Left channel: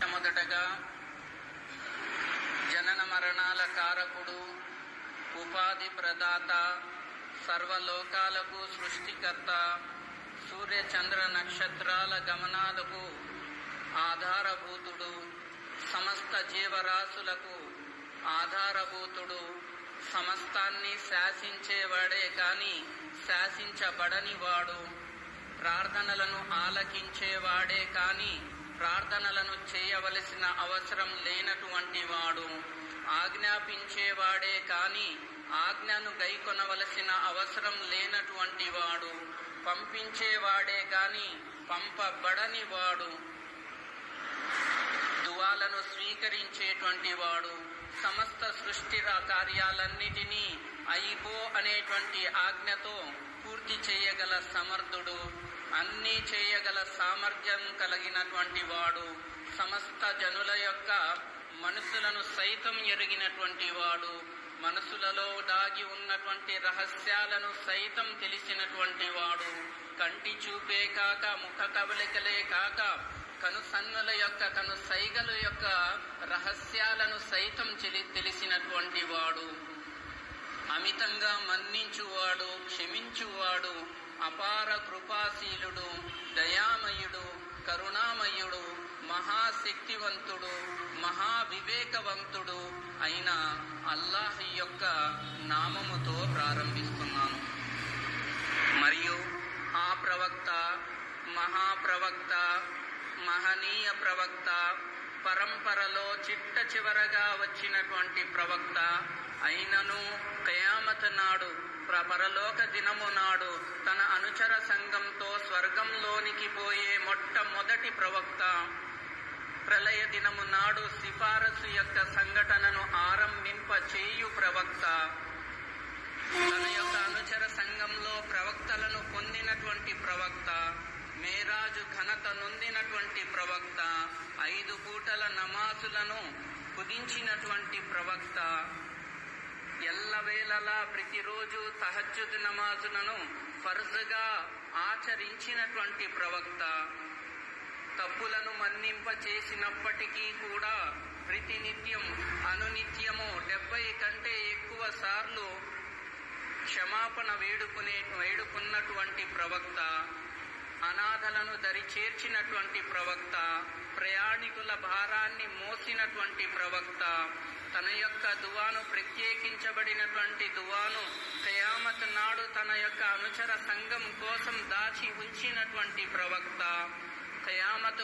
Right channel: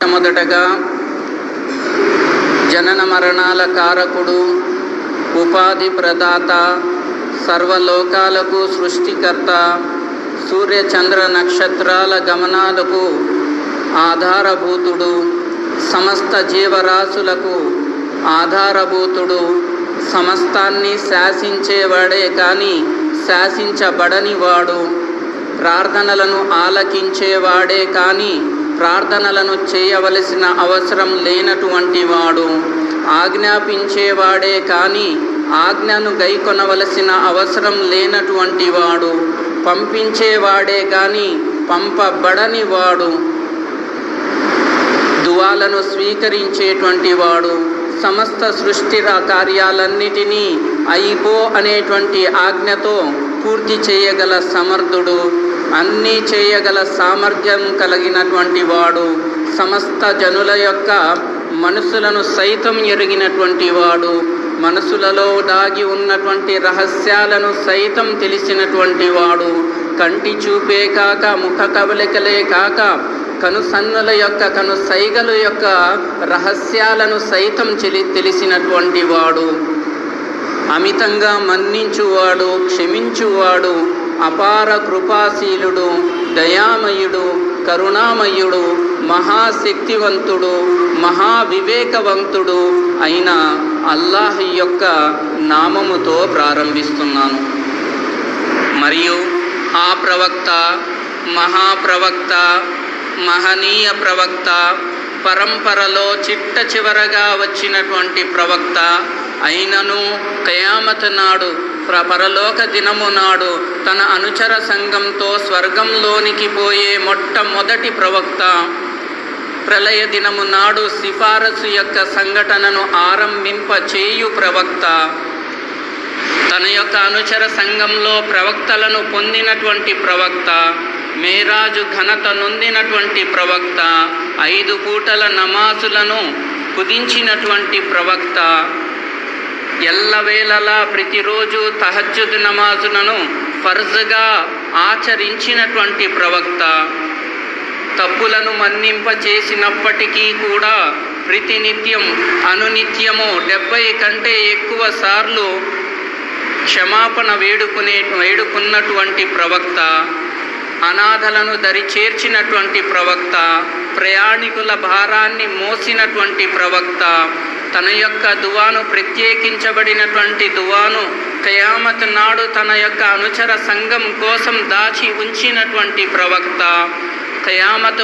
మొదటగా జనన మరణాల కారకుడు, ఉపాధి ప్రదాత, సర్వలోకాలకు సృష్టికర్త, సూర్య చంద్ర నక్షత్రాల గమనాలకు ఆధారభూతుడు, సమస్త జీవరాశులకు ఆధారభూతుడు, సమస్తాన్ని శాసించేవాడే కానీ శాసించబడని వాడు, ప్రార్థనలను ఆలకించేవాడే కానీ ప్రార్థనలను చేయవలసిన అవసరం లేనటువంటి వాడు, ఆజ్ఞాపించేవాడే కానీ ఆజ్ఞను గైకొనవలసిన అవసరం లేనటువంటి వాడు, పంపించేవాడే కానీ పంపబడని వాడు, దువాలను స్వీకరించేటువంటి వాడు, సమస్త సృష్టి కార్యాలన్నిటినీ అయిపో అనేటువంటి ఆజ్ఞతో పూర్తి చేయగల సమర్థుడు, అన్నీ చేయగల సామర్థ్యం కలిగినటువంటి వాడు, సమస్త జనుల యొక్క మనసులను సైతం ఎరిగినటువంటి వాడు, మనసులలో దాగి ఉన్నటువంటి రహస్యాలను సైతం తెలిసినటువంటి వాడు, కంటి చూపే కాక ముఖ కవలికలే కాక కనుసన్నుల యొక్క కనుసైగల యొక్క రహస్యాలను సైతం తెలిసినటువంటి వాడు, అమితంగా మన్నించువాడు, క్షమించువాడు, అపార కృపాశీలుడు, దయామయుడు, కరుణామయుడు, మహాశక్తివంతుడు, మహావివేకవంతుడు అయిన అల్లాహ్ యొక్క నామముతో ప్రారంభిస్తున్నాను. మరియు ఆ ప్రవక్త, మహాప్రవక్త, మహనీయ ప్రవక్త, పరంపరలో చిట్ట చివరగా వచ్చినటువంటి ప్రవక్త అయినను ఖయామత్ నాడు, పరలోక దినము నాడు తన అనుచర సంఘంతో స్వర్గంలోనికి పోయే మొట్టమొదటి ప్రవక్త, ప్రళయ దినము నాడు సిఫారసు యొక్క సంఘటనను ఆరంభింపచేయు ప్రవక్త, తన యొక్క అనుచర సంఘంలో ప్రవక్తలను పొందినటువంటి ప్రవక్త, మేరాజు ఘనత నొందినటువంటి ప్రవక్త, 5 పూటల నమాజులను కుదించినటువంటి ప్రవక్త, ఎల్లవేళలా ప్రతిరోజు తహజ్జుద్ నమాజులను ఫర్జ్గా ఆచరించినటువంటి ప్రవక్త, తప్పులను మన్నింపచేసినప్పటికీ కూడా ప్రతినిత్యం అనునిత్యము 70 కంటే ఎక్కువ సార్లు క్షమాపణ వేడుకున్నటువంటి ప్రవక్త, అనాథలను దరి చేర్చినటువంటి ప్రవక్త, ప్రయాణికుల భారాన్ని మోసినటువంటి ప్రవక్త, తన యొక్క దువాను ప్రత్యేకించబడినటువంటి దువాను ఖయామత్ నాడు తన యొక్క అనుచర సంఘం కోసం దాచి ఉంచినటువంటి ప్రవక్త, ఖయామత్